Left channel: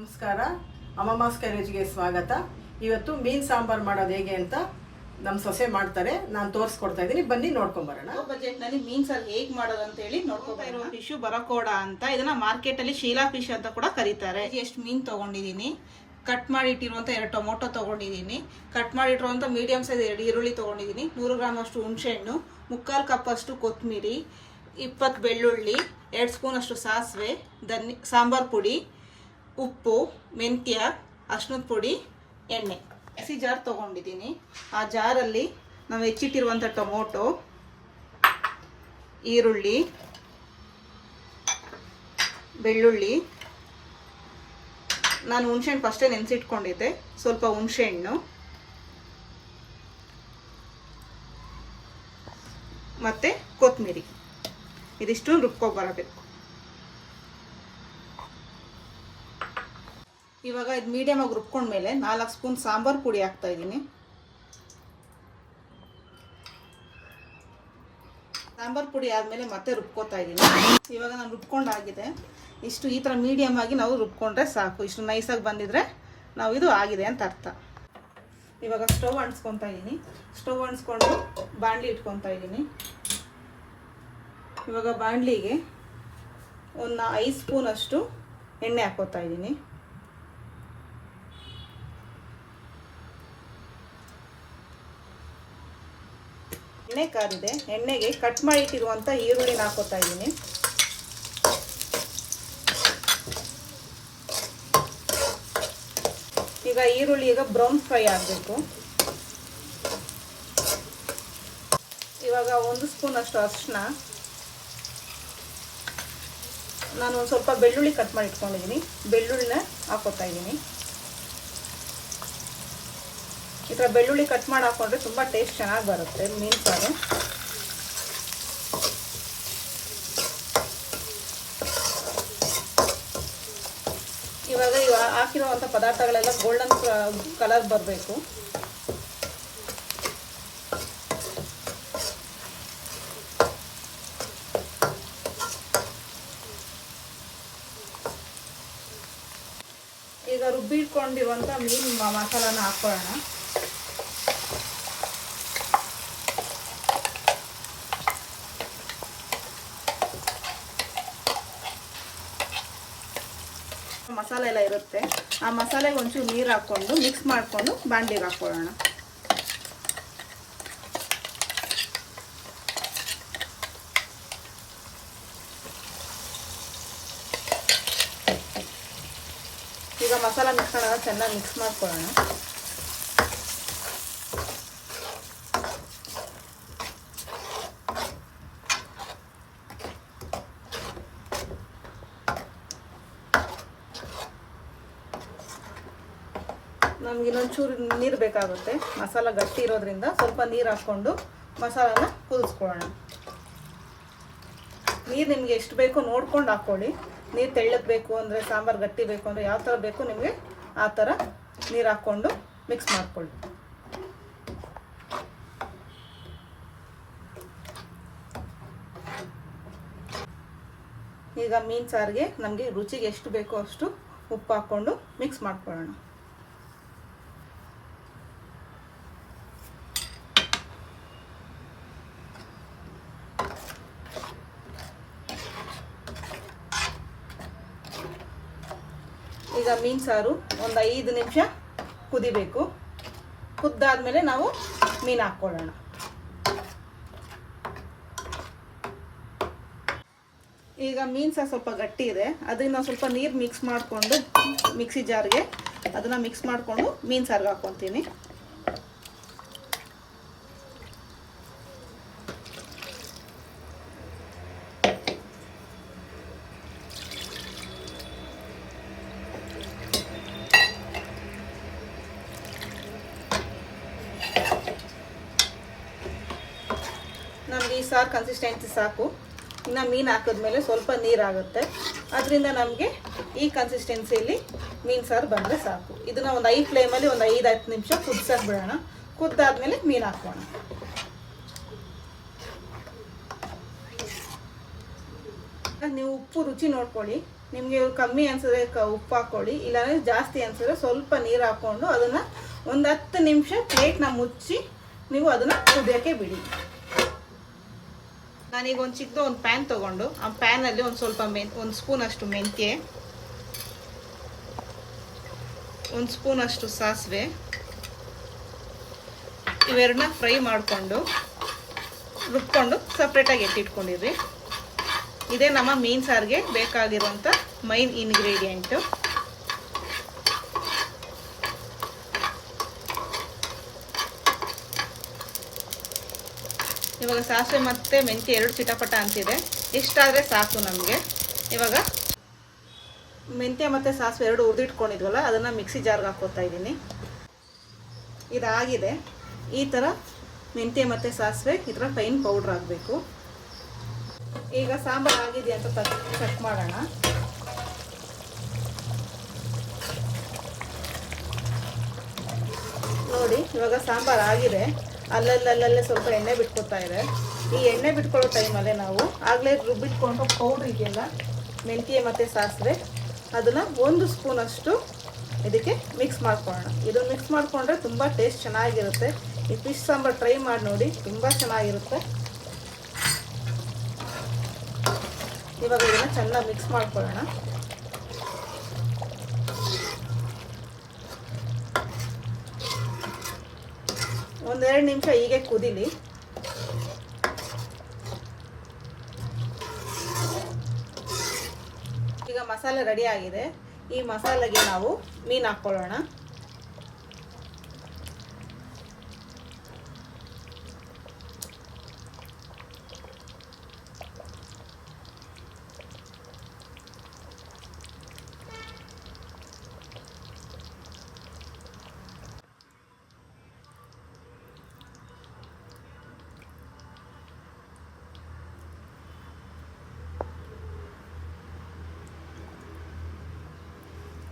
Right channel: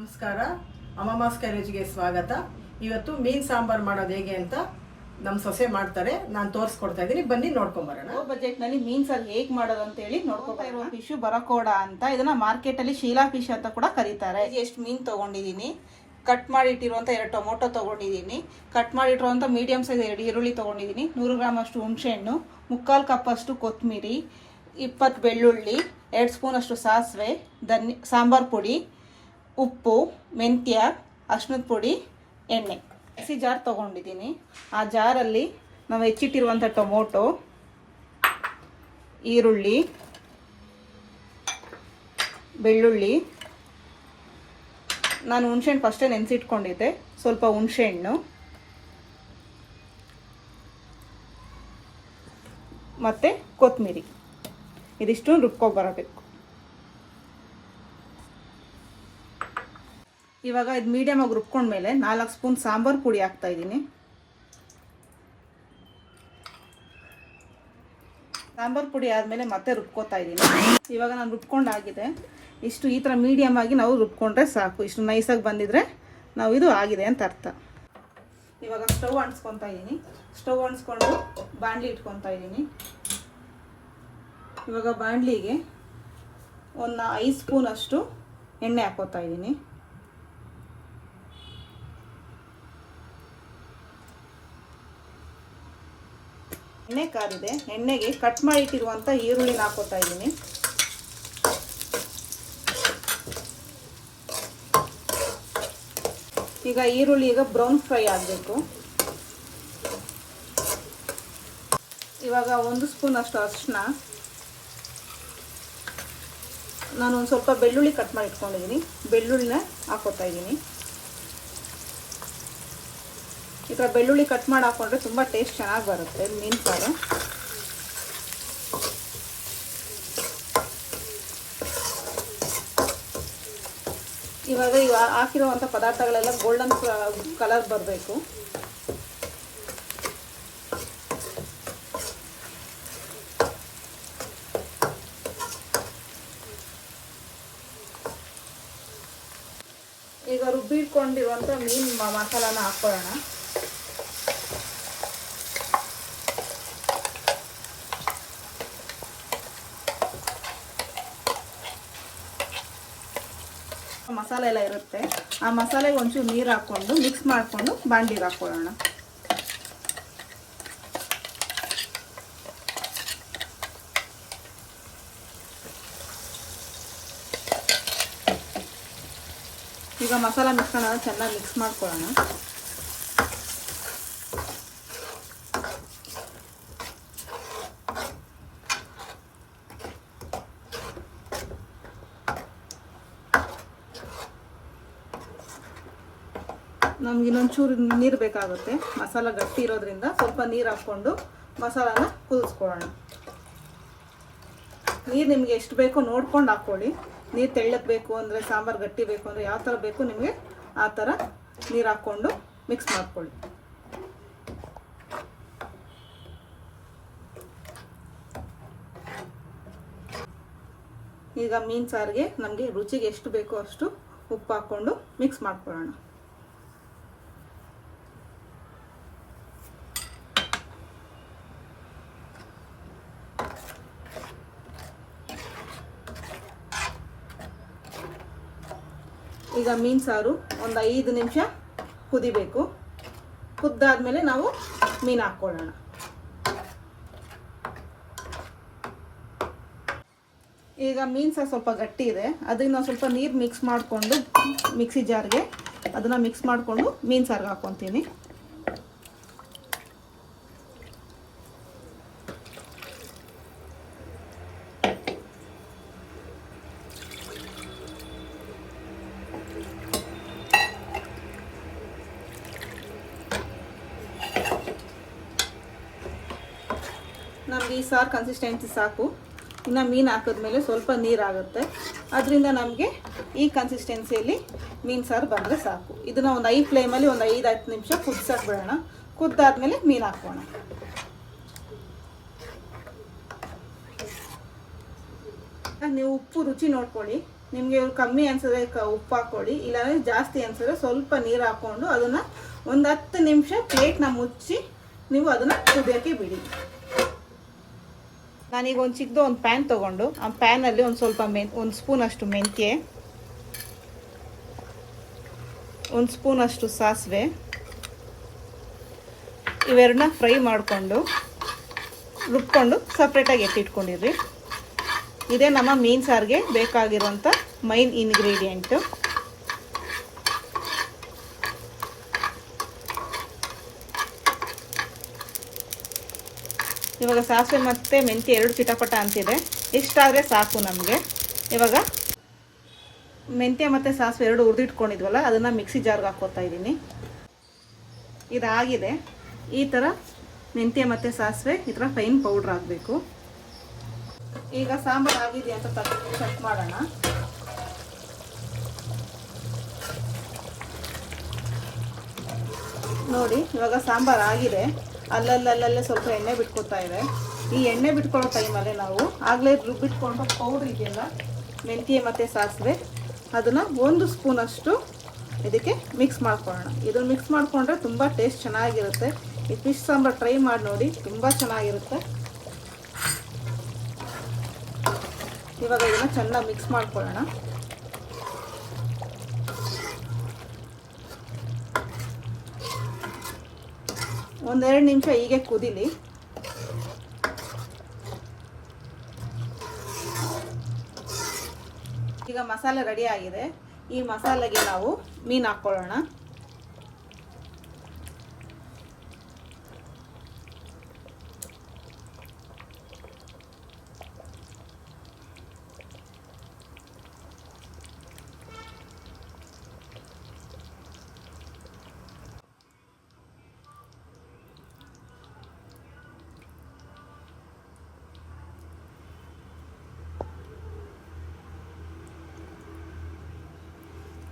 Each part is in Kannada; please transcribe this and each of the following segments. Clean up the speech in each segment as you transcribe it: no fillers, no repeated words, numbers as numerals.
ನಮಸ್ಕಾರ, ಅಮ್ಮಮ್ಮಾಸ್ ಕೈರುಚಿಗೆ ಸ್ವಾಗತ. ಇವತ್ತು ಮೀನು ಸಾಂಬಾರು ಮಾಡೋದು ಹೇಗೆ ಅಂತ ನಮ್ಮ ಸೊಸೆ ಮಾಡ್ತಾರೆ. ನಾನು ತೋರಿಸ್ಕೊಡ್ತಾ ಇದ್ದೀನಿ, ಬನ್ನಿ ನೋಡ್ಕೊಂಬರೋಣ. ಬಜೆಟ್ನಲ್ಲಿ ಮೀನು ಸಾರು ಹೇಗೆ ಮಾಡೋದು ಅಂತ ಹೇಳಿ ನೋಡ್ಕೊಂಬರೋಣ. ಫಿಶು ಬರಕೋಡ ಅಂತ, ಇದನ್ನ ಮಾರ್ಕೆಟಲ್ಲಿ ಶೀಲಾ ಫಿಶ್ ಅಂತ ಕೂಡ ಕರೀತಾರೆ. ಎಷ್ಟು ಮೀನು ತೊಗೊಂಡಿದ್ದೀನಿ, ಕಟ್ ಮಾಡಿ ಇಟ್ಟಿರುವಂಥ 2 ಟೊಮೊಟೊ ತೊಗೊಂಡಿದ್ದೀನಿ, ಕಟ್ ಮಾಡಿಟ್ಟಿರುವಂಥ ಮೀಡಿಯಮ್ ಸೈಜ್ 2 ಈರುಳ್ಳಿ ತೊಗೊಂಡಿದ್ದೀನಿ, 100 ಗ್ರಾಮ್ ಅಷ್ಟು ಹುಣಸೆಹಣ್ಣು, 3/4 ಕಪ್ ಅಷ್ಟು ಕೊತ್ತಂಬರಿ, 20 ಬೆಳ್ಳುಳ್ಳಿ, 2 ಸ್ಪೂನ್ ಅಷ್ಟು ಸಾಸಿವೆ, ಸಾಂಬಾರ್ ಪುಡಿ, ಉಪ್ಪು, ಮೆಂತ್ಯ, ಅರ್ಶಿನದ ಪುಡಿ, ಎಣ್ಣೆ. ಮಿಕ್ಸಿ ಜಾರ್ ತೊಗೊಂಡಿದ್ದೀನಿ. ಆ ಜಾರಲ್ಲಿ ನಾವು ಹೆಚ್ಚಿಟ್ಟಿರುವಂಥ ಟೊಮೊಟೊ, ಈರುಳ್ಳಿ, ಬೆಳ್ಳುಳ್ಳಿ, ನಾನು ಹುಣಸೆಹಣ್ಣು ಫಸ್ಟೇ ನೆನೆಸಿಟ್ಕೊಂಡಿದ್ದೆ, ಸ್ವಲ್ಪ ಹುಣಸೆಹಣ್ಣು ಮತ್ತು ಕೊತ್ತಂಬರಿ, ಇದಿಷ್ಟು ರುಬ್ಕೊಬರಬೇಕು. ಇವಾಗ ಇದು ಮೀಡಿಯಮ್ ಆಗಿ ರುಬ್ಕೊಂಡ್ಮೇಲೆ 4 ಸ್ಪೂನ್ ಸಾಂಬಾರ್ ಪುಡಿ ಹಾಕ್ತಾ ಇದ್ದೀನಿ. ಸಾಂಬಾರ್ ಪುಡಿ ಆದಮೇಲೆ ಮತ್ತೆ ರುಬ್ಕೋತಾ ಇದ್ದೀನಿ. ಇವಾಗ ನಾನು ರುಬ್ಕೊಂಡಾಗಿದೆ. ಇಷ್ಟು ಈ ಥರ ಮೀಡಿಯಮ್ ಆಗಿ ನಾವು ರುಬ್ಕೊಂಡ್ರೆ ಸಾಕು. ಇಷ್ಟು ನೈಸಾಗಿ ಬಂದಿದ್ರೆ ನಾವು ಇದು ಆಗಿದೆ ಅಂತ ಅರ್ಥ. ಇವಾಗ ಸ್ಟವ್ ಅಂಟಿಸ್ಕೊತಾ ಇದ್ದೀನಿ. ಸ್ಟವ್ ಅಂಟಿಸ್ಕೊಂಡು ಬಾಣಲಿ ಇಟ್ಕೊತಾ ಇದ್ದೀನಿ. ಇವಾಗ ಬಾಣಲಿಗೆ ಒಂದು 5 ಸ್ಪೂನ್ ಅಷ್ಟು ಎಣ್ಣೆ ಹಾಕೋತಾ ಇದ್ದೀನಿ. ಎಣ್ಣೆ ಕಾದಿದೆ. ಎಣ್ಣೆಗೆ ಕಟ್ ಮಾಡಿ ಇಟ್ಟಿರುವಂಥ ಈರುಳ್ಳಿನ ಹಾಕೋತಾ ಇದ್ದೀನಿ. ಈಗ ಈರುಳ್ಳಿ ಬ್ರೌನ್ ಫ್ರೈ ಆಗಬೇಕು. ಇವಾಗ 1 ಸ್ಪೂನ್ ಅಷ್ಟು ಅರಿಶಿನ, ನಾನು ಒಂದು ಸ್ವಲ್ಪ ಬೆಳ್ಳುಳ್ಳಿ ಕಟ್ ಮಾಡಿ ಇಟ್ಕೊಂಡಿದ್ದೀನಿ, ಬೆಳ್ಳುಳ್ಳಿನ ಹಾಕೋತಾ ಇದ್ದೀನಿ. ಈ ಥರ ಬೆಳ್ಳುಳ್ಳಿ ಕಟ್ ಮಾಡಿ ಹಾಕೊಂಡ್ರೆ ತುಂಬ ಟೇಸ್ಟ್ ಚೆನ್ನಾಗಿ ಬರುತ್ತೆ ಮೀನು ಸಾರು. ಇವಾಗ ಹಾಕಿರುವಂಥ ಪದಾರ್ಥಗಳೆಲ್ಲ ಗೋಲ್ಡನ್ ಕಲರ್ ಬರಬೇಕು. ಈಗ ರುಬ್ಬಿಟ್ಕೊಂಡಿರುವಂಥ ಮೀನು ಮಸಾಲಾನ ಹಾಕೊಳ್ಳೋಣ. ಮಸಾಲೆ ಎಲ್ಲ ಇರುತ್ತೆ. ಆ ಮಸಾಲೆಗೆ ಒಂಚೂರು ನೀರು ಹಾಕ್ಕೊಂಡು ಮಿಕ್ಸ್ ಮಾಡಿಕೊಂಡು ಬಾಣಲಿಗೆ ಹಾಕೊಳ್ಳೋಣ. ಈಗ ಮಸಾಲೆ ಮಿಶ್ರಣ ಚೆನ್ನಾಗಿ ಮಿಕ್ಸ್ ಮಾಡ್ಕೊಳ್ಳೋಣ. ನಮ್ಗೆ ಇನ್ನೊಂಚೂರು ನೀರು ಬೇಕಾಗುತ್ತೆ. ಮಸಾಲ ಗಟ್ಟಿ ಇರೋದ್ರಿಂದ ಸ್ವಲ್ಪ ನೀರು ಹಾಕ್ಕೊಂಡು ಮಸಾಲಾನ ಕುದಿಸ್ಕೊಳ್ಳೋಣ. ನೀರು ನಿಮಗೆ ಎಷ್ಟು ಬೇಕೋ ನೋಡ್ಕೊಂಡು ಹಾಕ್ಕೊಳ್ಳಿ. ನೀರು ತೆಳ್ಳಗೆ ಬೇಕು ಅಂದರೆ, ಸಾಂಬಾರು ಗಟ್ಟಿ ಬೇಕು ಅಂದರೆ, ಯಾವ ಥರ ಬೇಕು ನಿಮಗೆ ಆ ಥರ ನೀರು ಹಾಕ್ಕೊಂಡು ಮಿಕ್ಸ್ ಮಾಡ್ಕೊಳ್ಳಿ. ಈಗ ಮೀನು ಸಾರಿಗೆ ನಮಗೆ ರುಚಿಗೆ ಎಷ್ಟು ಬೇಕೋ ಅಷ್ಟು ಉಪ್ಪು ಹಾಕ್ಕೊಂಡು ಮಿಕ್ಸ್ ಮಾಡ್ಕೊಳ್ಳೋಣ. ಈಗ ಮೀನು ಸಾರು ಒಂದು 5 ನಿಮಿಷ ಕುದಿಬೇಕು. ಕುದ್ದಾದ್ಮೇಲೆ ನಾವು ಮೀನು ಹಾಕ್ಕೊಳ್ಳೋಣ. ಈಗ ಮೀನು ಸಾರು ಸ್ವಲ್ಪ ಗಟ್ಟಿ ಇದೆ, ಅದಕ್ಕೆ ನಾವು ಸ್ವಲ್ಪ ನೀರು ಮಿಕ್ಸ್ ಮಾಡಿಕೊಂಡು ಮಿಕ್ಸಿ ಜಾರ್ಗೆ ಅದನ್ನು ಮಿಕ್ಸ್ ಮಾಡಿಕೊಂಡು ಮೀನು ಸಾರಿಗೆ ಹಾಕ್ಕೊತೀನಿ. ನಮಗೆ ಈ ಸಾರು ಕನ್ಸಿಸ್ಟೆನ್ಸಿ ಸಾಕು. ಇನ್ನು ಮೀನು ಹಾಕಿದ್ಮೇಲೆ ಸ್ವಲ್ಪ ನೀರಾಗುತ್ತೆ, ಅದರಿಂದ ನಮಗೆ ಈ ಕನ್ಸಿಸ್ಟೆನ್ಸಿಯಲ್ಲಿ ಮೀನು ಸಾರು ಬಂದರೆ ಸಾಕು. ಇದನ್ನು ಒಂದು 5 ಫ್ಲೇಮಲ್ಲಿ ಒಂದು 5-10 ನಿಮಿಷ ಕುದಿಸಕ್ಕೆ ಬಿಡೋಣ. ಕುದ್ದಾದ್ಮೇಲೆ ಮೀನು ಹಾಕೋಣ. ನೀವು ಉಪ್ಪು ರುಚಿ ನೋಡ್ಕೊಳ್ಳಿ. ನಿಮಗೆ ಕಮ್ಮಿ ಅನ್ಸಿದ್ರೆ ಉಪ್ಪು ಹಾಕ್ಕೊಳ್ಳಿ, ಇಲ್ಲಾಂದರೆ ಜಾಸ್ತಿ ಅನ್ಸಿದ್ರೆ ಸ್ವಲ್ಪ ನೀರು ಹಾಕ್ಕೊಂಡು ಅದನ್ನು ಒಂದು 10 ನಿಮಿಷ ಪ್ಲೇಟ್ನ ಮುಚ್ಚಿ ನೀವು ಅದನ್ನು ಕುದಿಯೋಕ್ಕೆ ಬಿಡಿ. ನಾನೀಗ ಒಂದು ಚಿಕ್ಕದು ಒಂದು ಪ್ಯಾನ್ ತೊಗೊಂಡು ಆ ಪ್ಯಾನಲ್ಲಿ ಒಂದು ಸ್ವಲ್ಪ ಒಂದು ಸ್ಪೂನಷ್ಟು ಮೆಂತ್ಯ, ಒಂದು ಸ್ಪೂನಷ್ಟು ಸಾಸಿವೆ, ಇವೆರಡನ್ನ ಫ್ರೈ ಮಾಡಿಕೊಂಡು ರುಬ್ಕೊಂಡು ಸಪ್ರೇಟಾಗಿ ಎತ್ತಿಟ್ಕೊಂಡಿರಿ. ಇದೇ ನಮ್ಮ ಮೀನು ಸಾರಿಗೆ ಬೇಕಾಗಿರುವಂಥ ಮೈನ್ ಇಂಗ್ರೀಡಿಯೆಂಟು. ಇವಾಗ ಸಾಸಿವೆ ಮತ್ತು ಮೆಂತ್ಯ 2 ಚಿಟಪಟ ಅಂತಿದೆ, ಇಷ್ಟಾದರೆ ಸಾಕು ನಮಗೆ. ಇವಾಗ ಮೆಂತ್ಯ ಮತ್ತು ಸಾಸಿವೆ 2 ಹುರಿದಿಟ್ಕೊಂಡಿದ್ವಲ್ಲ ಅದನ್ನು ಮಿಕ್ಸಿ ಜಾರ್ಗೆ ಹಾಕ್ಕೊತಾ ಇದ್ದೀನಿ. ಇದಾಗಿದೆ. ಈ ಥರ ಮೆಂತ್ಯ ಮತ್ತು ಸಾಸಿವೆ ಈ ಥರ ಫೈನ್ ಪೌಡ್ರ್ ಆಗಬೇಕು. ಈಗ ಸಾಂಬಾರು ಆಗಿದೆ ಅಂತ ಚೆಕ್ ಮಾಡೋಣ. ನೋಡಿ ಇವಾಗ ಸಾಂಬಾರು ಆಗಿದೆ. ಅಲ್ಲಲ್ಲೇ ಸ್ವಲ್ಪ ಎಣ್ಣೆ ಬಿಟ್ಕೊತಾ ಇದೆ. ಈ ಎಣ್ಣೆ ಬಿಟ್ಕೊಳ್ಳೋ ಟೈಮಲ್ಲೇ ನಾವು ಆಗಲೇ ರುಬ್ಬಿಟ್ಕೊಂಡು ಪೌಡ್ರ್ ಇದೆಯಲ್ಲ ಮೆಂತ್ಯ ಮತ್ತು ಸಾಸಿವೆ, ಅದನ್ನು 1 ಸ್ಪೂನಷ್ಟು ಇದಕ್ಕೆ ಮಿಕ್ಸ್ ಮಾಡ್ಕೊಳ್ಳೋಣ. ಇದನ್ನು ಮಿಕ್ಸ್ ಮಾಡಿಕೊಂಡ್ರೆ ತುಂಬ ಟೇಸ್ಟ್ ಚೆನ್ನಾಗಿರುತ್ತೆ. ಈ ಫಿಶ್ ಸಾಂಬಾರು ಟ್ರೈ ಮಾಡಿ ನೋಡಿ, ತುಂಬ ಚೆನ್ನಾಗಿರುತ್ತೆ. ಇವಾಗ ಇದನ್ನು ಚೆನ್ನಾಗಿ ಮಿಕ್ಸ್ ಮಾಡ್ಕೊಳ್ಳೋಣ. ಒಂದೆರಡು ನಿಮಿಷ ಹೀಗೆ ಕುದೀಲಿ. ಈಗ ಮಸಾಲೆ ರೆಡಿ ಆಗಿದೆ. ಈ ಮಸಾಲೆಗೆ ನಾವು ಮೀನು ಹಾಕ್ಕೊಳ್ಳೋಣ.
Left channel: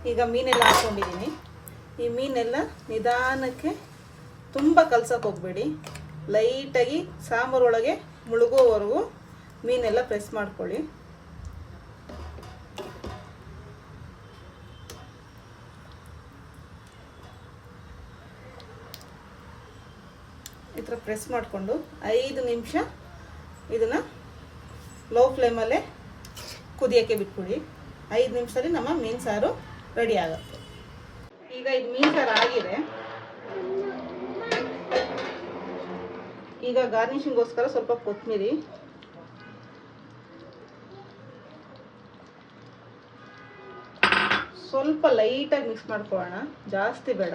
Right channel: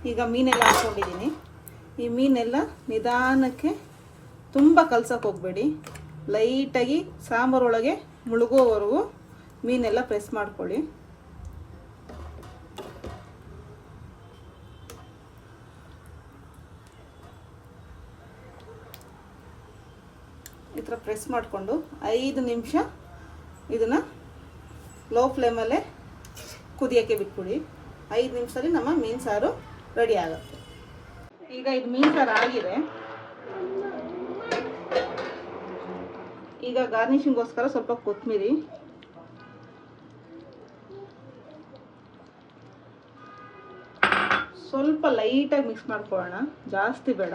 ಈಗ ಮೀನೆಲ್ಲ ಹಾಕ್ಕೊಂಡಿದ್ದೀನಿ. ಈ ಮೀನೆಲ್ಲ ನಿಧಾನಕ್ಕೆ ತುಂಬ ಕಲ್ಸಕ್ಕೆ ಹೋಗಬೇಡಿ, ಲೈಟಾಗಿ ಸಾಂಬಾರೊಳಗೆ ಮುಳುಗೋವರೆಗೂ ಮೀನೆಲ್ಲ ಪ್ರೆಸ್ ಮಾಡ್ಕೊಳ್ಳಿ. ಈ ಥರ ಪ್ರೆಸ್ ಮಾಡಿಕೊಂಡು 5 ನಿಮಿಷ ಇದನ್ನು ಲೋ ಫ್ಲೇಮಲ್ಲೇ ಕುದಿಯೋಕ್ಕೆ ಬಿಟ್ಬಿಡಿ. 5 ನಿಮಿಷದಲ್ಲಿ ನಮ್ಮ ಮೀನು ಸಾರು ರೆಡಿ ಆಗುತ್ತೆ. ಈಗ ಇದು ಮೀನು ಸಾರು ಆಗಿದೆ. ಈಗ ಗಾರ್ನಿಷಿಂಗ್ಗೋಸ್ಕರ ಸ್ವಲ್ಪ ಕೊತ್ತಂಬರಿ, ಸ್ವಲ್ಪ ಲೈಟಾಗಿ ಮಿಕ್ಸ್ ಮಾಡ್ಕೊಳ್ಳೋಣ, ಜಾಸ್ತಿ ಬೇಡ.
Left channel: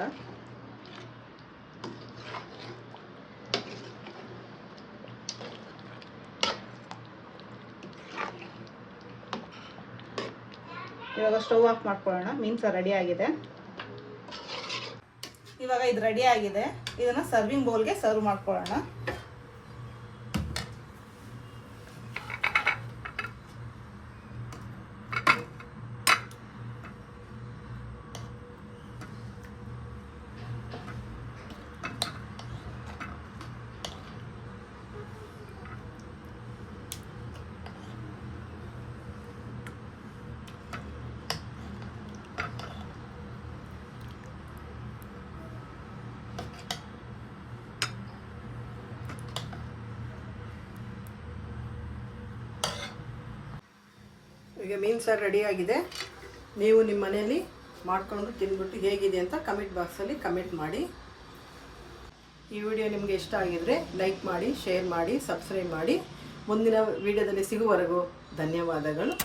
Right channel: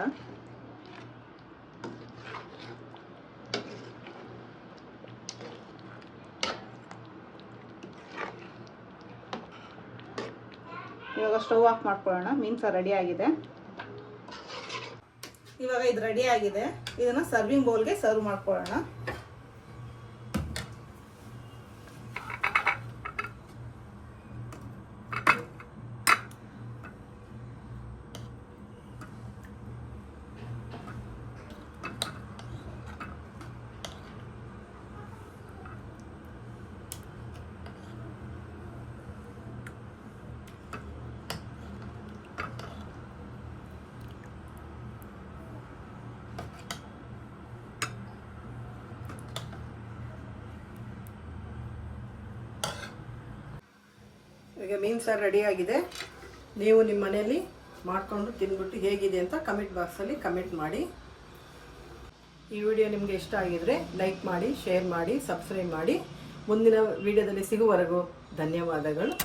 ಇವಾಗ ಸ್ಟವ್ ಆಫ್ ಮಾಡ್ಕೊಳ್ಳೋಣ. ಮೀನು ಸಾರು ರೆಡಿ ಆಗಿದೆ. ಇವಾಗ ಇದು ರೆಡಿ ಆಗಿದೆ. ಇದನ್ನು ಸರ್ವಿಂಗ್ ಬೌಲ್ಗೆ ಸರ್ವ್ ಮಾಡ್ಕೊಳ್ಳೋಣ. ಈಗ ಮೀನು ಸಾರು ರೆಡಿ ಆಗಿದೆ. ನೀವು ನಿಮ್ಮ ಮನೆಯಲ್ಲಿ ಮಾಡಿಕೊಂಡು ತಿಂದ್ಬಿಟ್ಟು ಹೇಗಿದೆ ಅಂತ ಕಮೆಂಟ್ ಬಾಕ್ಸಲ್ಲಿ ಕಮೆಂಟ್ ಮಾಡಿ. ಈ ವಿಡಿಯೋ ನಿಮಗೆ ಇಷ್ಟ ಆಗಿದರೆ ಲೈಕ್ ಮಾಡಿ, ಶೇರ್ ಮಾಡಿ, ಸಬ್ಸ್ಕ್ರೈಬ್ ಮಾಡಿ. ಮುಂದಿನ ವಿಡಿಯೋದಲ್ಲಿ ಸಿಗುವವರೆಗೂ ಧನ್ಯವಾದಗಳು.